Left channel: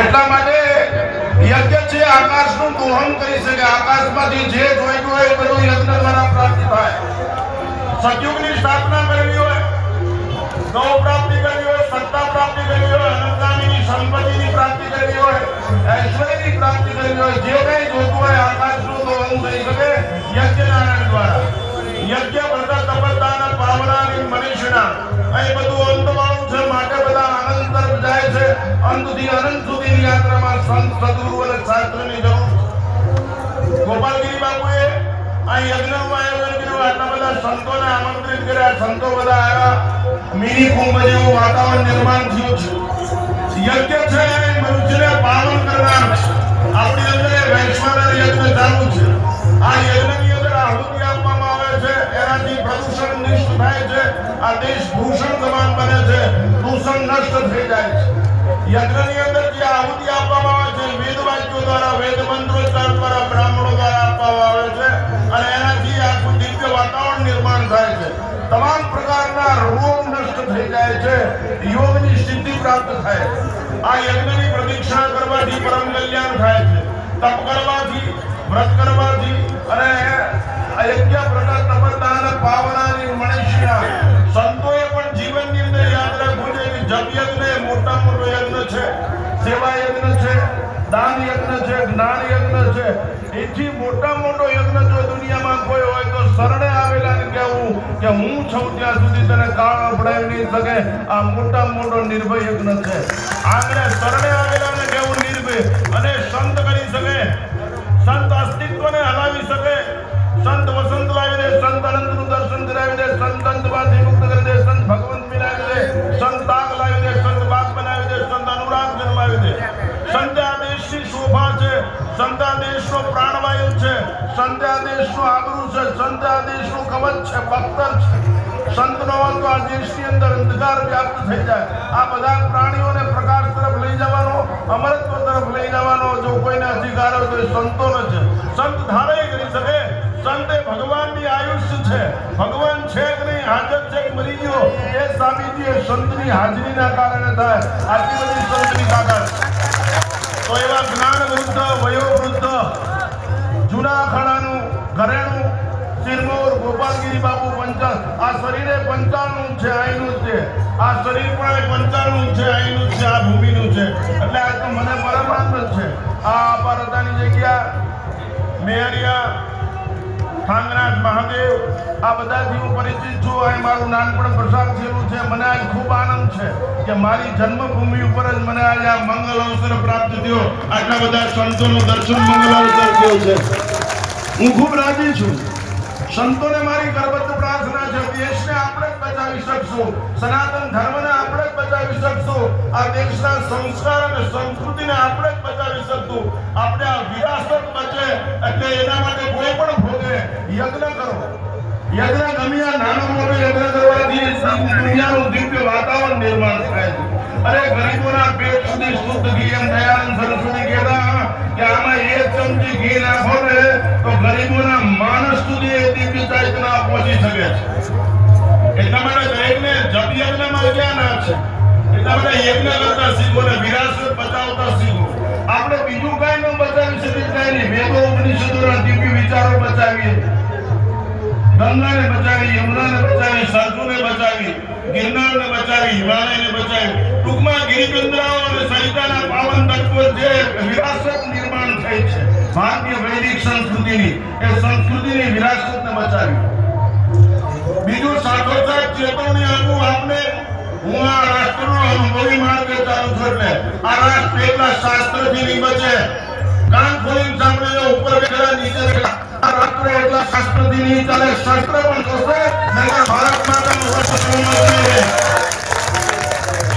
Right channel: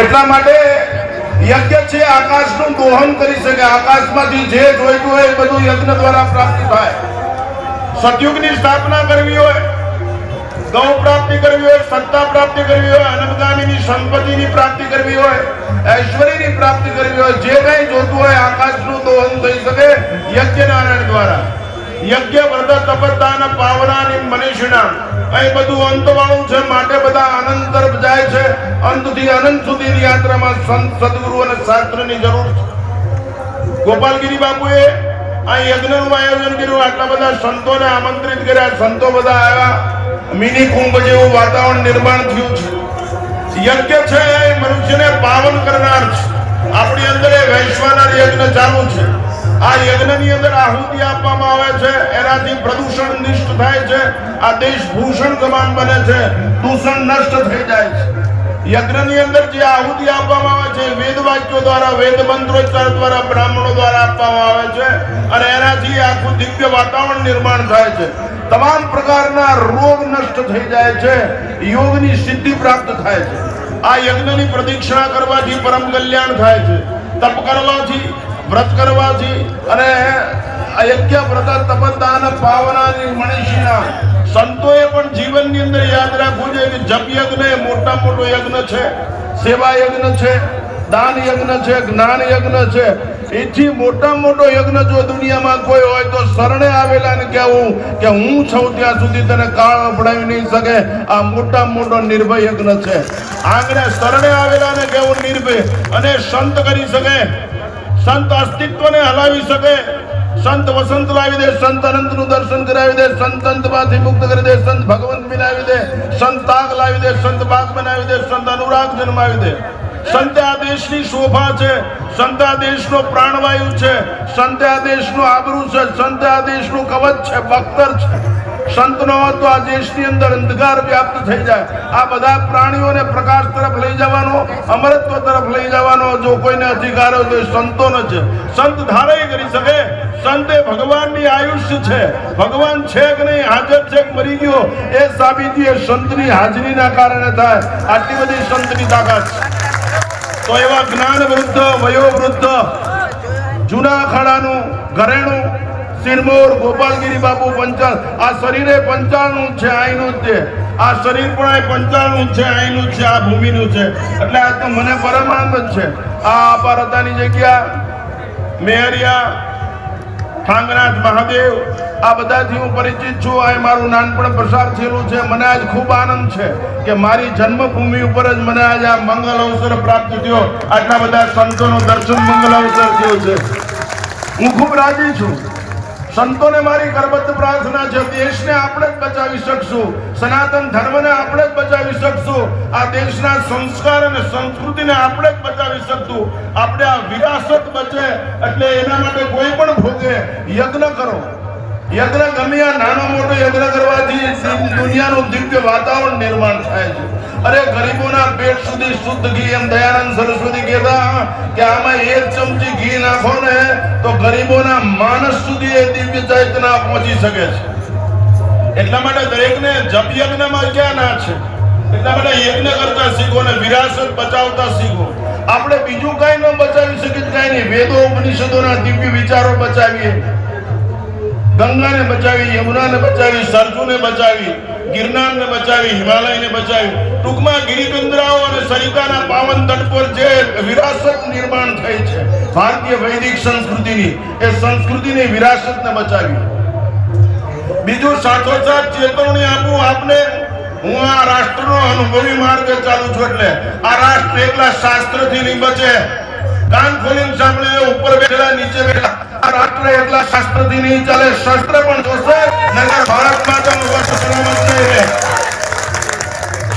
એટલા માટે યજ્ઞ છે આકાશનું દોહન કરી શકે, આકાશમાંથી જે જોઈતું હોય એ બધું યજ્ઞ દ્વારા પ્રાપ્ત થાય. સતયુગની સ્થાપના કરવી હોય, ગૌ પ્રાપ્તિ કરવી હોય, સત્તા પ્રાપ્તિ કરવી હોય, અનંતકાળની સંપત્તિની પ્રાપ્તિ કરવી હોય, ઐશ્વર્યની પ્રાપ્તિ કરવી હોય, જે કઈ જોતું હોય આકાશનું દોહન થઈ શકે યજ્ઞ નારાયણ દ્વારા. યજ્ઞ વ્રત તપસ્યા પાવનાની મનીષણા અહીં બધું અંત વાળું છે, માટે બધા અનંત તરફ જાય છે. અંતથી અનંત સુધીની યાત્રામાં સંત સદગુરુ અને શાસ્ત્રની જરૂર છે. ગોપાલગીરી બાપુએ આ યજ્ઞનું આયોજન કર્યું, આટલા બધા સંતોને આમંત્રિત કર્યા, સંતો બધા આવ્યા, મિની કુંભ જેવું વાતાવરણ નિર્માણ થયું છે. યજ્ઞ છે એ મનુષ્યને પાવન કરનાર છે. આપણી અંદર વૈશ્વાનર યજ્ઞ ચાલુ છે. આ યજ્ઞની અંદર આહુતિ આપવામાં આવે છે, એનાથી પ્રદૂષણ નિષ્ઠ થાય છે, આ દેશ ભૂષણ સમાન બને છે, દૂષણ નષ્ટ થઈ જાય છે. યજ્ઞની અંદર જે આહુતિ આપવામાં આવે છે વેદ વાક્યો દ્વારા, વેદ મંત્રોચ્ચાર દ્વારા, બ્રાહ્મણો દ્વારા આપવામાં આવે છે અને એનાથી આખું દિવ્ય વાતાવરણ નિર્માણ થાય છે. તમામ પ્રકારના રોગ નષ્ટ થઈ જાય છે, યોગની સિદ્ધિ પ્રાપ્ત થાય છે. આ યજ્ઞની પ્રદક્ષિણા કરવાથી પરમ કલ્યાણ થાય છે. તપ કરવાથી, વ્રત કરવાથી અને યજ્ઞ વ્રત તપદાન પાવનાની મનીષણા. સંતોએ પણ જીવનની અંદર યાદ રાખવું જોઈએ કે જપ યજ્ઞ એ મોટા મોટો યજ્ઞ છે, સેવા યજ્ઞ છે, દાન યજ્ઞ છે, જ્ઞાન યજ્ઞ છે. એથી મોટા મોટો યજ્ઞ જો દુનિયામાં કોઈ હોય તો શરણે આવેલાને કહેવું કે હું છું ત્યાં સુધી તને કાળ પડાવી નહીં શકે, આ મોટા મોટો નિર્ભય યજ્ઞ છે. આંગણે શરણે આવેલાને કહેવું નિર્ભય, અને સંત કરી શકે, સંત અસ્તિત્વને હલાવી શકે, સંત વસંત લાવી દે, સંત અનંતનું દર્શન કરાવી દે, સંત અંતમાંથી મુક્ત કરી દે, સંત ભગવંત બનાવી દે, સંત તાગ લાવી દે, સંત બાગ બનાવી દે, સંત અનુરાગ જન્માવી દે. સંત આ દેશની શોભા છે, સંત આ દેશનો પ્રાણવાયુ છે, સંત આ દેશનું આબરૂ છે, સંત આ દેશનું કવચ છે, બખ્તર છે. સંત નો તો આ દેશની અંદર અંધકાર વ્યાપ્ત થઈ જાય. આ બધા પ્રાણીઓને પ્રકાશ તરફ લઈ જવાનો, અમરત્વ તરફ લઈ જવાનો જો કોઈને અધિકાર હોય તો એ સંતોનો છે. સંત ધારાઈ કરી શકે. સંત એ ભગવાનની આયુષ્ય છે. ભગવાન છે કે નહીં, હાજર છે કે મરી ગયો, એ સાબિતી એ સંતની હાજરીના કારણે થાય. આટલી બધી સંતની તાકાત છે. તો એવા જ્ઞાન વૃદ્ધ, વયોવૃદ્ધ, જૂના અખાડાનું ઘરેણું સિરમોર ગોપાલગીરી બાપુ પંચાલ, આ શરીરે 95 છે, અહીંનું જ છે. આ શરીર પણ 95 છે, અહીંનું છે, આ ભૂમિનું છે. એટલે આ તો મને પરમ આનંદ છે. આ અપારતાની જગ્યા મેહરિયા, ઠાંગનાથ મહાદેવ, આ બધાથી હું પરિચિત છું. આ મારું નાનપણ પ્રસાદ થયેલું છે. મને આજ ખૂબ આનંદ છે કે મારી જન્મભૂમિ ઉપર જ મને આજ આ મંગલ અવસર પ્રાપ્ત થયો. આટલા બધા સંતોનો દર્શન મંગલ અવસર થયો છે. હું ખૂબ રાજી છું. સંતોને મારી કરબદ્ધ પ્રાર્થના છે, દેશને આપણે જ બચાવી શકશું, સનાતન ધર્મને આપણે જ બચાવી શકશું, આ દેશના સંસ્કાર અને સંસ્કૃતિને આપણે જ બચાવી શકશું. આપણે આ વિરાસત બચે એટલે એના માટે કોઈ પણ ભોગે યજ્ઞ કરો. યજ્ઞ ગમે આ નાનો મોટો યજ્ઞ કરવાથી દુનિયાનું દિવ્ય વાતાવરણ નિર્માણ થાય છે. અરે ગરીબોના પેટ સુધી શુદ્ધ ઘી, એમ દયાનંદ સરસ્વતી કહેતા કે આમાં 1 ચમચી ઘી નાખો ને તો ગરીબોના માનસ સુધી એ દિવ્ય ચૈતન્ય પહોંચી શકે છે. એટલા માટે દરેકને જપ યજ્ઞમાં ક્યાં ના છે. એટલા માટે યજ્ઞ કરતા શીખો ને વિરાસત બચાવતા શીખો. આપણે બીજું કઈ ન બચાવી શકીએ, કઈ નહીં. વેદો ઉપનિષદોના દિવ્ય વિચારો બચાવીએ, ગંગાને બચાવી, યમુનાને બચાવી, સરજુને બચાવી, ગિરનારને બચાવી, હિમાલયને બચાવી. ટૂંકમાં ગિરિકંદરાઓ અને સરિતાના પાવન તટ પર જે વિરાસત નિર્માણ થઈ છે ભારતીય વૈદિક સંસ્કૃતિની, એ સંસ્કૃતિની વિરાસતને બચાવી. બીજું સાથોસાથ ચેતવણી આપું આપને, હું આ રાષ્ટ્રનો અનુભવી માર્ગે ચાલુ છું. એટલે આ રાષ્ટ્ર એકલા શાસ્ત્રથી નહીં બચે. કાન ખોલીને સાંભળે, ઉપર બેઠેલા નીચે બેઠેલા, આ રાષ્ટ્ર એટલા શાસ્ત્રથી નહીં ચાલે. શસ્ત્ર પણ જોશે, નગર ભારત માતાનું વસ્ત્ર જોશે.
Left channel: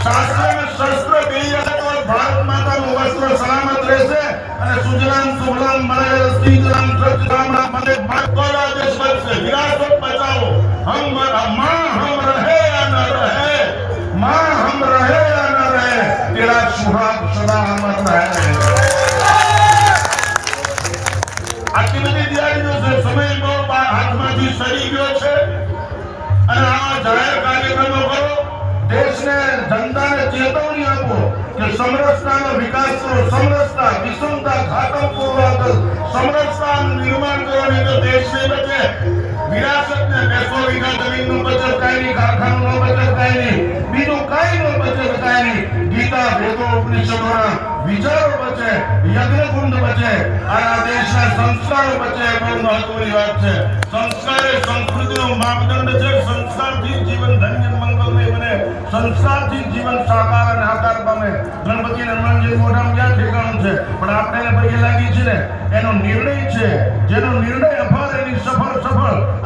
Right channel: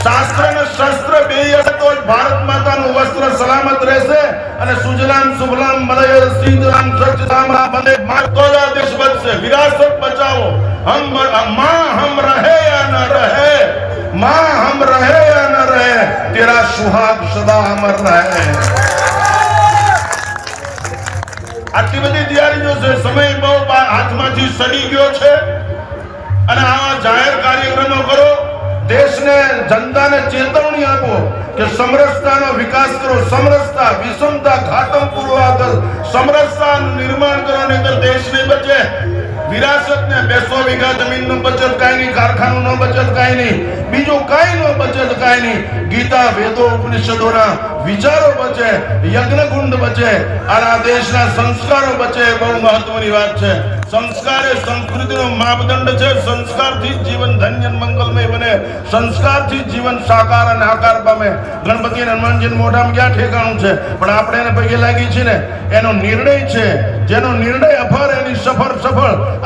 શાસ્ત્ર અને શસ્ત્ર બે તો ભારત માતાનું વસ્ત્ર સલામત રહેશે અને સુજલામ સુફલામ મલય સિંધરામ સચરામ બને માતો દેશ બચશે. વિરાસત બચાવો. હમ હમ રહે યા ન રહે, मां हम रहे या न रहे, तेरा सुहाग सदा अमर रहे. આટલી બધી તૈયારીઓ છે. સમય બહુ હાથમાંથી સડી ગયો છે અને આ જાહેર કાર્યક્રમો કરો. દેશને, જનતાને ચેતવણી આપો કે સમરસતાનો વિકાસ કરો, ક્ષમતા ખાતરપૂર્વક સમરસતાનું નિર્માણ કરવાની અંદર દેશને બચે વિરાસતને 200 વીઘા જમીનનું બચત કાંઈ નહીં, કારખાનાનું બચત કાંઈ નહીં, બીજું કાંઈ નો બચત કાંઈ નહીં, ગીતા વેદો ઉપનિષદોના વિચારો બચે, યજ્ઞકુંડ બચે, અને આ દેશના સંસ્કારો બચે. બહુ મહત્વની વાત છે. સંસ્કાર એ સંસ્કૃતિનો માપદંડ છે. સંસ્કારથી જીવન ધન્ય મંગલમય બને, સંસ્કારથી જીવન સાકાર અને આકાર પામે. ગણપતિ અને હનુમાનજી મોઢામાં ક્યાં ઠેકાણું છે, પણ આપણે એને પગે લાગી છે ને એનો નિર્ણય છે. જેનો નિર્ણય અફર એની સફળ.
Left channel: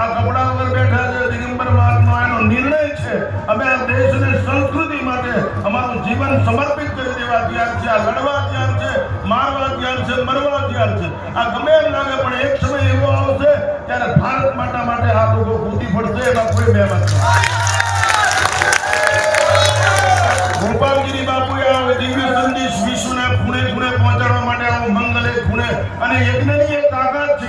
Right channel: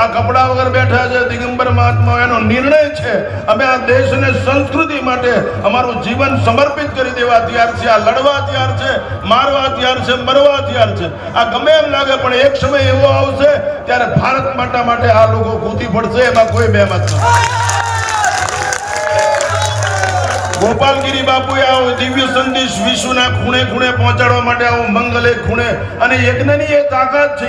આ કપડા વગર બેઠા છે દિગંબર મહાત્મા, એનો નિર્ણય છે અમે આ દેશને સંસ્કૃતિ માટે અમારું જીવન સમર્પિત કરી દેવા તૈયાર છે. આ લડવા તૈયાર છે, મારવા તૈયાર છે, મરવા તૈયાર છે. આ ગમે એમ લાગે પણ એક સમય એવો આવશે ત્યારે ભારત માટે આ લોકો કૂદી પડશે, એમાં કોઈ મહેમત નથી. ગોપાલગીરી બાપુએ આવો દિવ્ય સંદેશ વિશ્વના ખૂણે ખૂણે પહોંચાડવા માટે આવો મંગલે ખૂણે, અને યજ્ઞની એ તાકાત છે.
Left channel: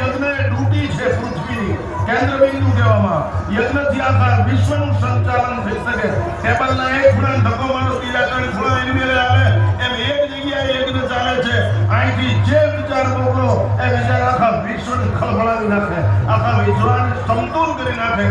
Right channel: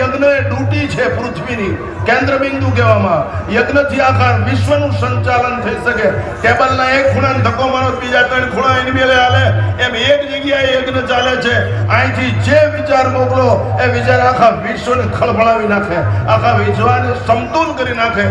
યજ્ઞ એ ડ્યુટી છે પૃથ્વીની, કેન્દ્ર બિંદુ કહેવામાં. યજ્ઞથી આખા વિશ્વનું સંચાલન થઈ શકે. ટેબલના એક ખૂણા ધક્કો મારો, બીજા 3 ખૂણા એની મેલે હાલે, એમ એક જગ્યાએ યજ્ઞ ચાલે છે. અહીંથી જે વિચાર મોકલો એ વિચાર આખા વિશ્વને ખળભળાવી નાખે, આખા વિશ્વને સમતોલ કરી નાખે.